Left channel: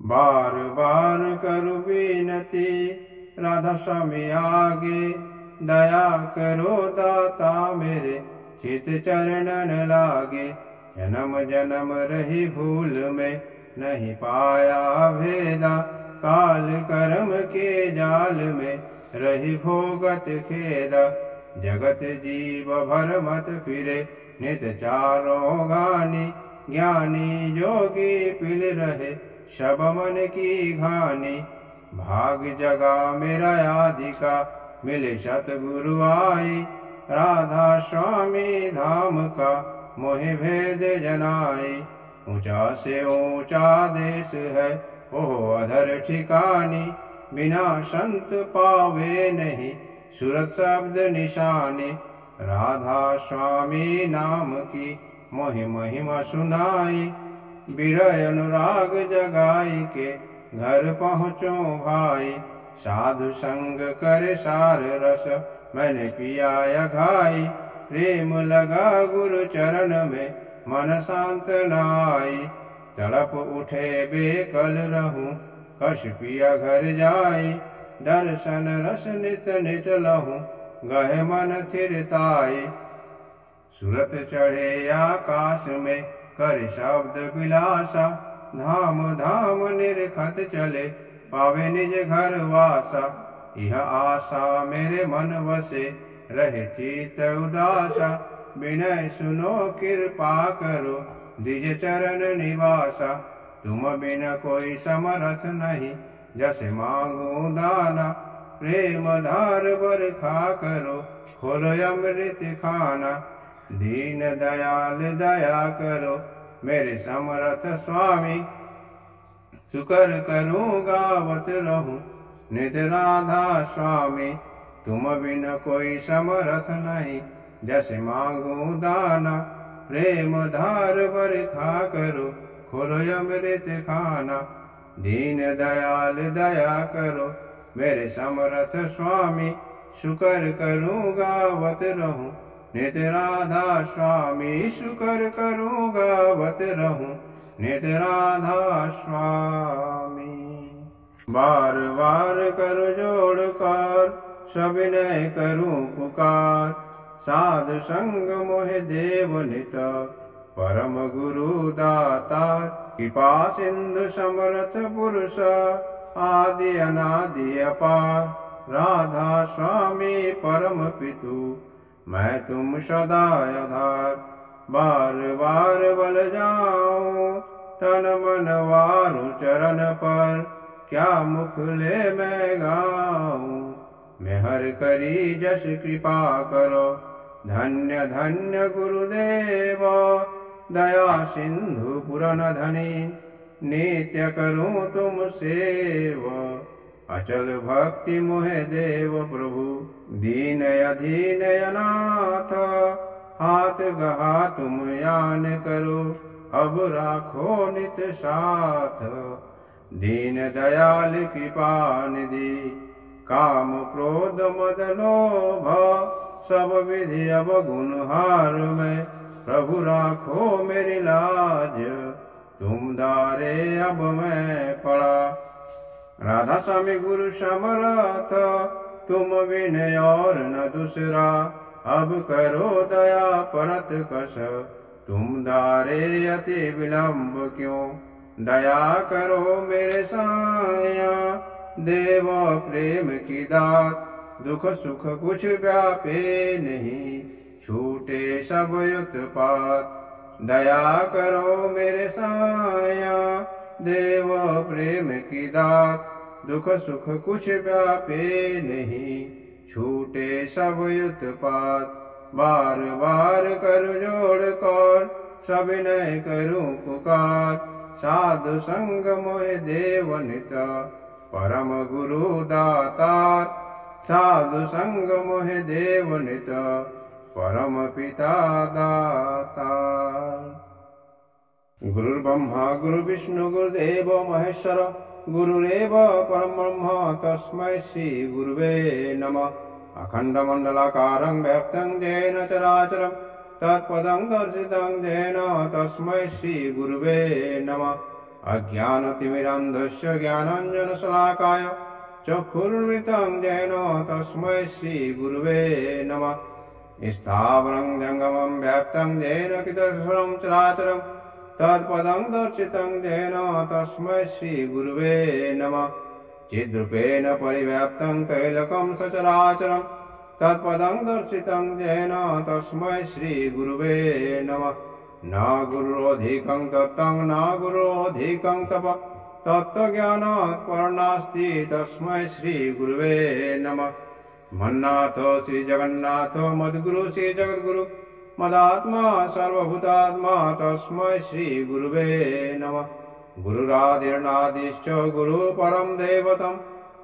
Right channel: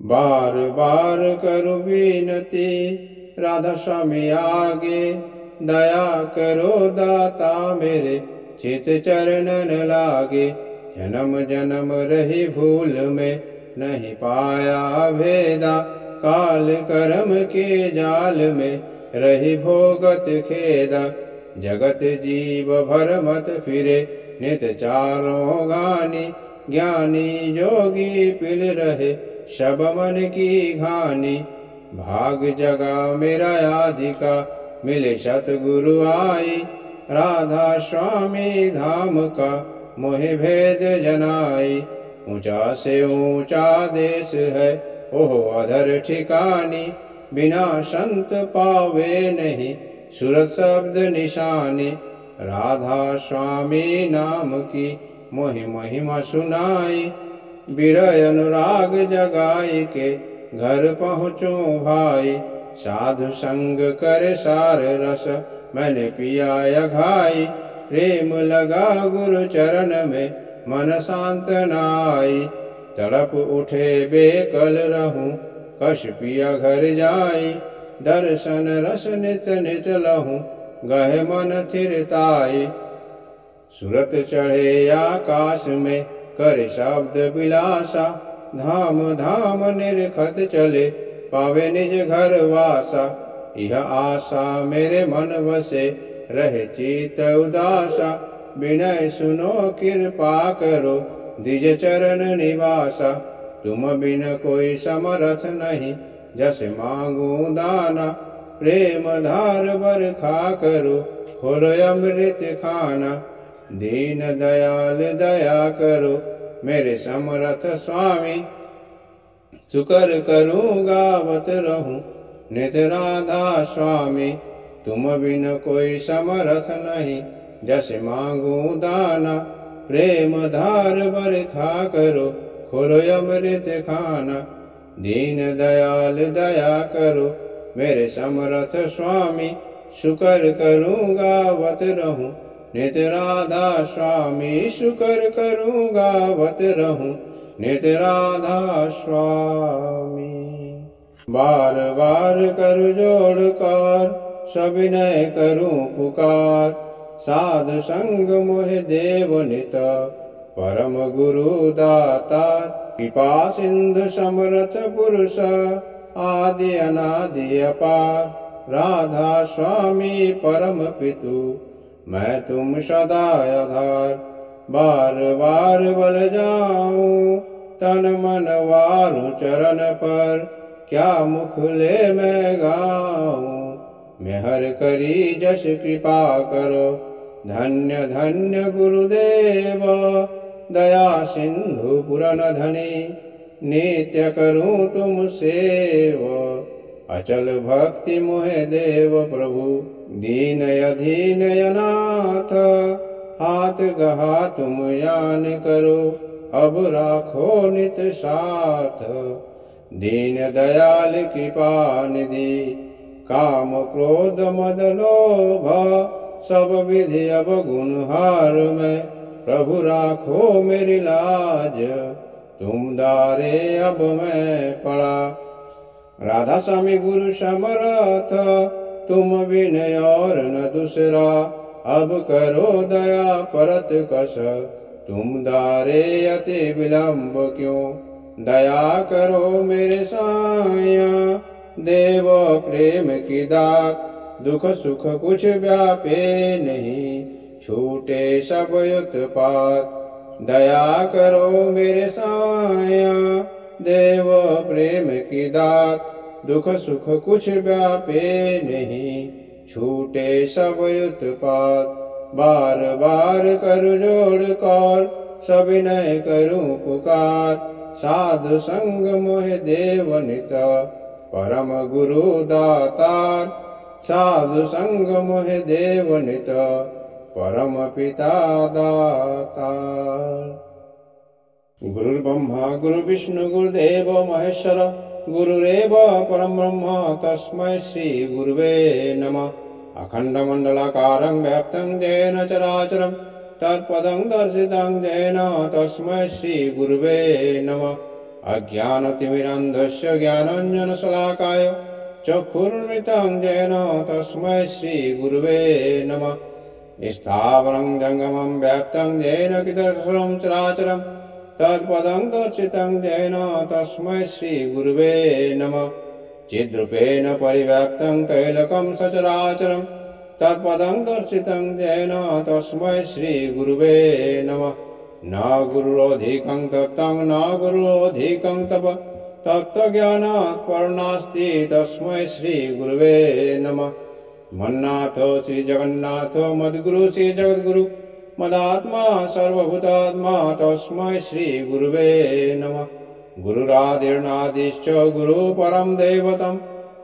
बार बार करु विनती राधा स्वामी आगे, दया करो दाता मेरे चित चरणन लागे। जन्म जन्म रही भूल में नहीं पाया भेदा, काल कर्म के जाल में रही भोगत खेदा। जगत जीव भर मत फिरे नित चारों गानी, ज्ञानी योगी पिल रहे शब मन की घानी। भाग जगा मेरा आदिका मिले सतगुरु आई, राधा स्वामी धाम का मोहि भेद जनाई। ऊंचा से ऊंचा देश है ओह अधर ठिकानी, बिना संत पावे नहीं सूरत शब्द निशानी। राधा स्वामी नाम की मोहि महिमा सुनाई, विरह अनुराग जगाई के घर पहुँचो भाई। साधु संग कर सार रस मैंने पिया घाई, प्रेम लगा गुरु चरण में मन शांत नाई। तड़प उठे बेकल रहूं कश पिया घर जाई, दर्शन रस नित नित लहूं गहे मन थिरताई। सूरत चढ़े आकाश में करे शब्द विलासा, धाम धाम निरखत चले पावे निज घर वासा। यह आशा मेरे मन वसे रहे चित उदासा, विनय सुनो कृपा करो द्विज चरण निवासा। तुम बिन कोई समरथ नहीं जैसे मांगू दाना, प्रेम धार बरखा करो खोलो अमृत खाना। दीन दयाल दया करो मेरे समरथ स्वामी, शुकर करूं गावत रहूं नित राधा स्वामी। तुम बिन कोई समरथ नहीं जैसे मांगू दाना, प्रेम धार बरखा करो खोलो अमृत खाना। दीन दयाल दया करो मेरे समरथ स्वामी, शुकर करूं गावत रहूं नित राधा स्वामी। शुकर करूं गावत रहूं नित राधा स्वामी। बार बार कर जोड़ कर सविनय करूं पुकार, साधु संग मोहि देव नित परम गुरु दाता। कृपा सिंधु समरथ पुरुष आदि अनादि अपार, राधा स्वामी परम पितु मैं तुम सदा आधार। बार बार बल जाऊं तन मन वारूं चरण पर, क्या मुख ले मैं गाऊं मेहर करी जस कृपा करो। धन्य धन्य गुरुदेव दया सिंधु पुरन धनी, नित्य करूं तुम सेव अचल भक्ति मोहे देव प्रभु। दीन अधीन अनाथ हाथ गहा तुम यान करो, अब राखो नित साथ दीन दयाल कृपा निधि। काम क्रोध मद लोभ सब विधि अब गुणहार में, प्रभु राखो मेरी लाज तुम दारे अब मैं पड़ा। राधा स्वामी गुरु समरथ तुम बिन और न दूसरा, अब करो दया परत कस तुम दारे अति विलंब क्यों। दया करो मेरे साया देव प्रेम की दात, दुख सुख कुछ व्यापे नहीं छूटे सब उत्पात। दया करो मेरे साया देव प्रेम की दात, दुख सुख कुछ व्यापे नहीं छूटे सब उत्पात। बार बार कर जोड़ कर सविनय करूं पुकार, साधु संग मोहि देव नित परम गुरु दातार। साधु संग मोहि देव नित परम पिता दातार। गुरुर्ब्रह्मा गुरुर्विष्णु गुरुदेवो महेश्वर, गुरुरेव परम ब्रह्म तस्मै श्री गुरुवे नमः। अखण्डमण्डलाकारं व्याप्तं येन चराचरं तत्पदं दर्शितं येन तस्मै श्री गुरुवे नमः। अज्ञानतिमिरान्धस्य ज्ञानाञ्जनशलाकाय चक्षुरुन्मिलितं येन तस्मै श्रीगुरुवे नमः। स्थावरं जङ्गमं व्याप्तं येन चराचरं चराचरं तत्पदं दर्शितं येन तस्मै श्रीगुरुवे नमः। चिद्रूपेण परिव्याप्तं तैलकं सचराचरं तत्पदं दर्शितं येन तस्मै श्रीगुरुवे नमः। न गुरुरधिकं तत्त्वं न गुरुरधिकं तप तत्त्वज्ञानात् परनास्ति तस्मै श्रीगुरुवे नमः। मन्नाथ श्रीजगन्नाथ मद्गुरु श्रीजगद्गुरु मदात्मा सर्वभूतात्मा तस्मै श्रीगुरुवे नमः। गुरुरादिर्नादिश्च गुरुपरं दैवतं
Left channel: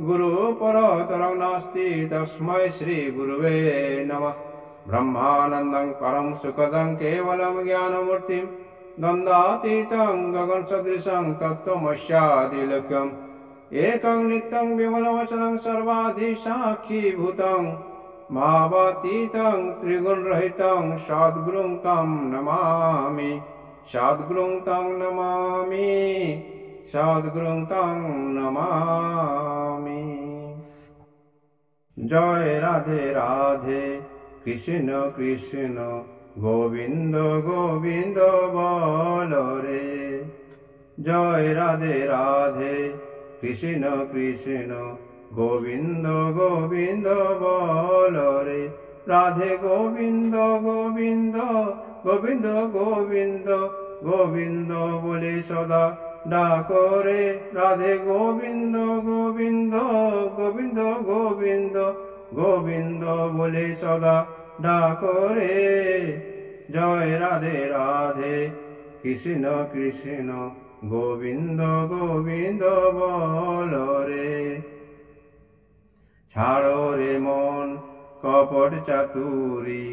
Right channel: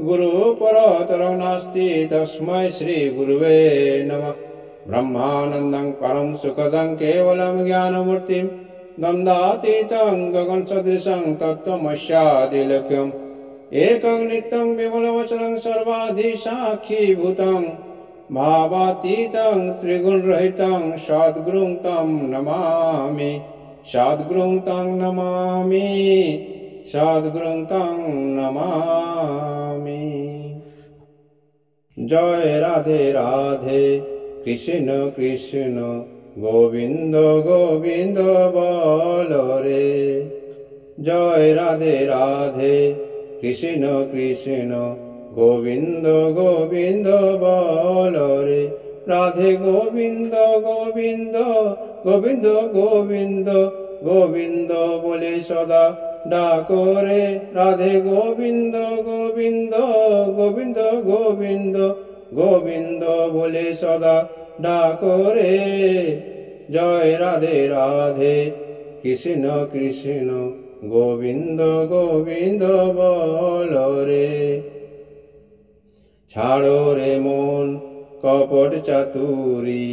गुरुपरतरं नास्ति तस्मै श्रीगुरुवे नमः। ब्रह्मानन्दं परं सुखदं केवलं ज्ञानमूर्तिं द्वन्द्वातीतं गगनसदृशं तत्त्वमस्यादिलक्ष्यम् एकं नित्यं विमलमचलं सर्वाधिसाक्षीभूतं भावातीतं त्रिगुणरहितं सद्गुरुं तं नमामि सद्गुरुं तं नमामि सद्गुरुं तं नमामि। जय राधे राधे कृष्ण कृष्ण गोविंद गोविंद बोलो रे। जय राधे राधे कृष्ण कृष्ण गोविंद गोविंद बोलो रे। राधे गोविंद गोविंद गोविंद गोविंद गोविंद बोले सदा डाको रे। राधे गोविंद गोविंद गोविंद गोविंद गोविंद बोले सदा डाको रे। जय राधे राधे कृष्ण कृष्ण गोविंद गोविंद बोलो रे। ছাড়ো রে মন কপট চাতুরি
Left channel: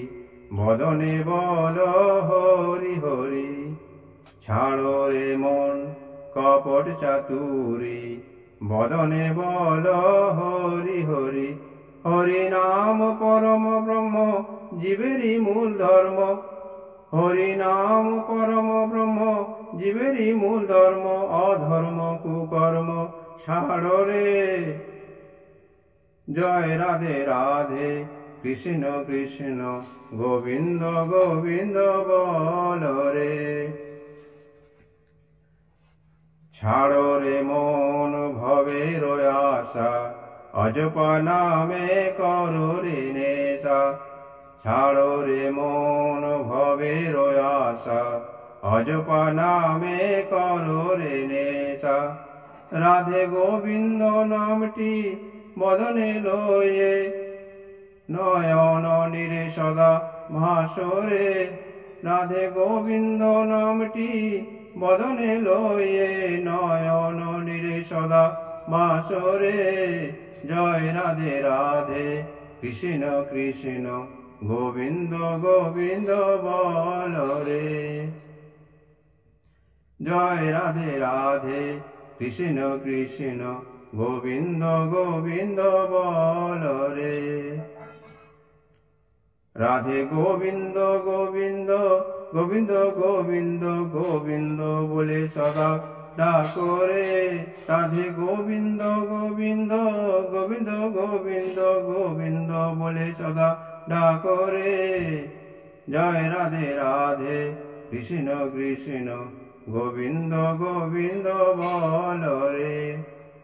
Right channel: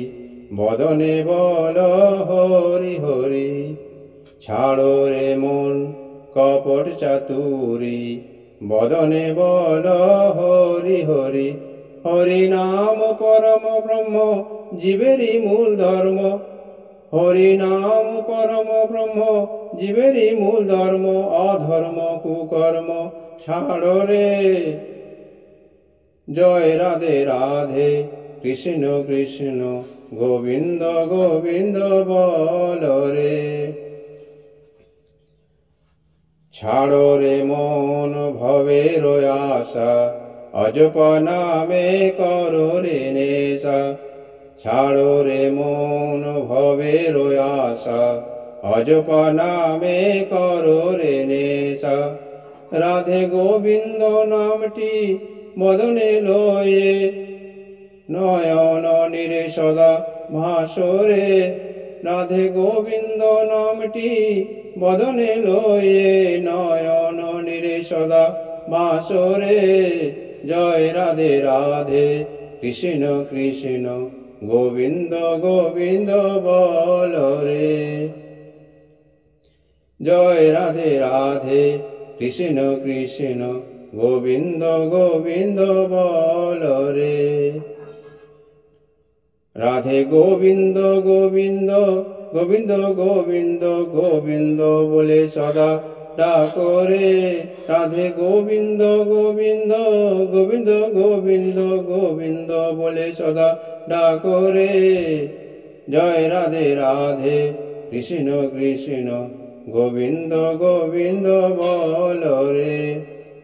বদনে বল হরি হরি। ছাড়ো রে মন কপট চাতুরি বদনে বল হরি হরি। হরি নাম পরম ব্রহ্ম জীবেরই মূল ধর্ম। হরি নাম পরম ব্রহ্ম জীবেরই মূল ধর্ম। অধর্ম কুকর্ম ছাড়ো রে। জয় রাধে রাধে কৃষ্ণ কৃষ্ণ গোবিন্দ গোবিন্দ বলো রে। ছাড়ো রে মন ভবের আশা অজপা নামে করো রে নেশা। ছাড়ো রে মন ভবের আশা অজপা নামে করো রে নেশা। রাধে গোবিন্দ নামটি মদনে লয়ে নয়ন নিরে সদা ভাসরে। রাধে গোবিন্দ নামটি বদনে লয়ে নয়ন নিরে সদা ভাসরে। জয় রাধে রাধে কৃষ্ণ কৃষ্ণ গোবিন্দ গোবিন্দ বলো রে। জয় রাধে রাধে কৃষ্ণ কৃষ্ণ গোবিন্দ গোবিন্দ বলো রে। রাধে গোবিন্দ গোবিন্দ গোবিন্দ গোবিন্দ গোবিন্দ বলে সদা ডাকো রে। রাধে গোবিন্দ গোবিন্দ গোবিন্দ গোবিন্দ গোবিন্দ বলে সদা ডাকো রে। জয় রাধে রাধে কৃষ্ণ কৃষ্ণ গোবিন্দ গোবিন্দ বলো রে।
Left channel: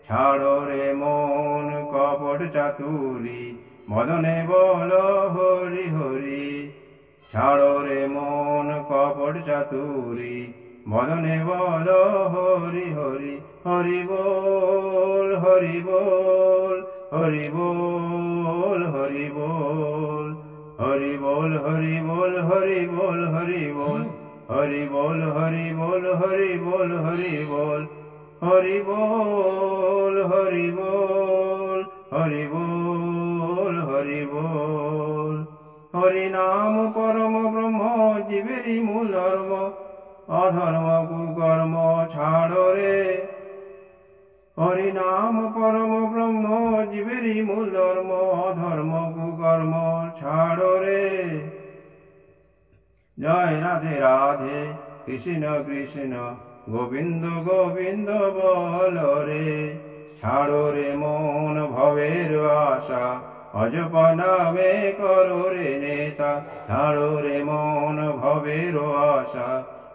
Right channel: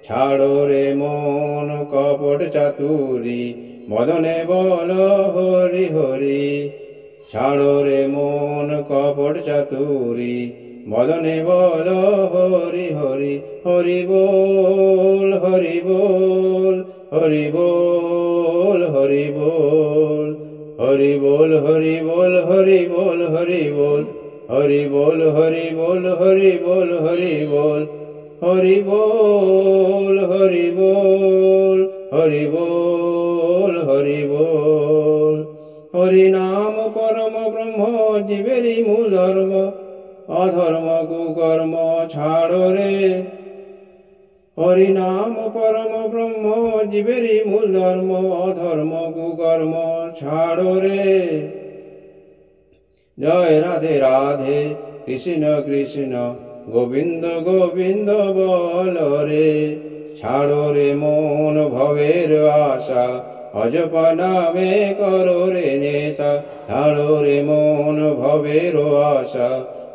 ছাড়ো রে মন কপট চাতুরি মদনে বল হরি হরি। ছাড়ো রে মন কপট চাতুরি মদনে বল হরি হরি। হরি বল হরি বল হরি বল হরি বল হরি বল হরি বল হরি বল হরি বল হরি বল হরি বল হরি বল হরি বল হরি বল হরি বল হরি বল হরি বল। হরি নাম পরম ব্রহ্ম জীবেরই মূল ধর্ম। অধর্ম কুকর্ম ছাড়ো রে। হরি নাম পরম ব্রহ্ম জীবেরই মূল ধর্ম। অধর্ম কুকর্ম ছাড়ো রে। জয় রাধে রাধে কৃষ্ণ কৃষ্ণ গোবিন্দ গোবিন্দ বল রে। ছাড়ো রে মন ভবের আশা, অজপা নামে করো রে নেশা। ছাড়ো রে মন ভবের আশা,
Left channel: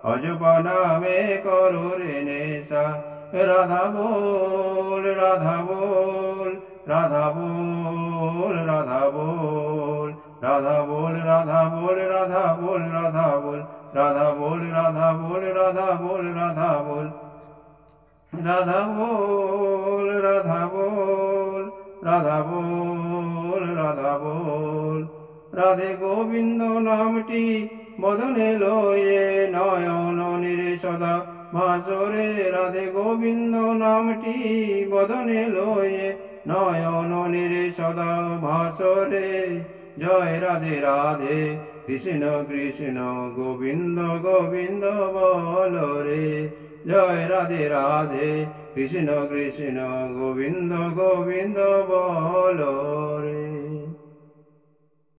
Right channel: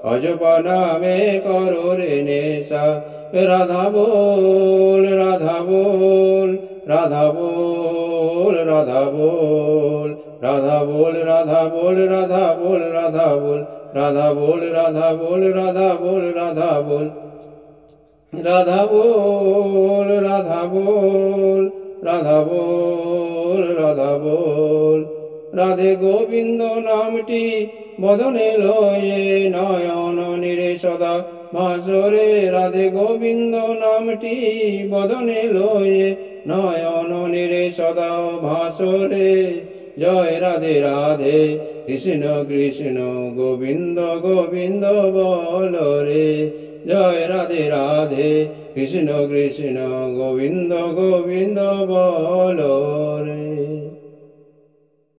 অজপা নামে করো রে নেশা। রাধা বল রাধা বল, রাধা বল রাধা বল, রাধা বল রাধা বল, রাধা বল রাধা বল, রাধা বল রাধা বল, রাধা বল রাধা বল, রাধা বল রাধা বল, রাধা বল রাধা বল। রাধে গোবিন্দ নামটি বদনে লয়ে নয়ন নিরে সদা ভাসরে। রাধে গোবিন্দ নামটি বদনে লয়ে নয়ন নিরে সদা ভাসরে। জয় রাধে রাধে কৃষ্ণ কৃষ্ণ গোবিন্দ গোবিন্দ বল রে। জয় রাধে রাধে কৃষ্ণ কৃষ্ণ গোবিন্দ গোবিন্দ বল।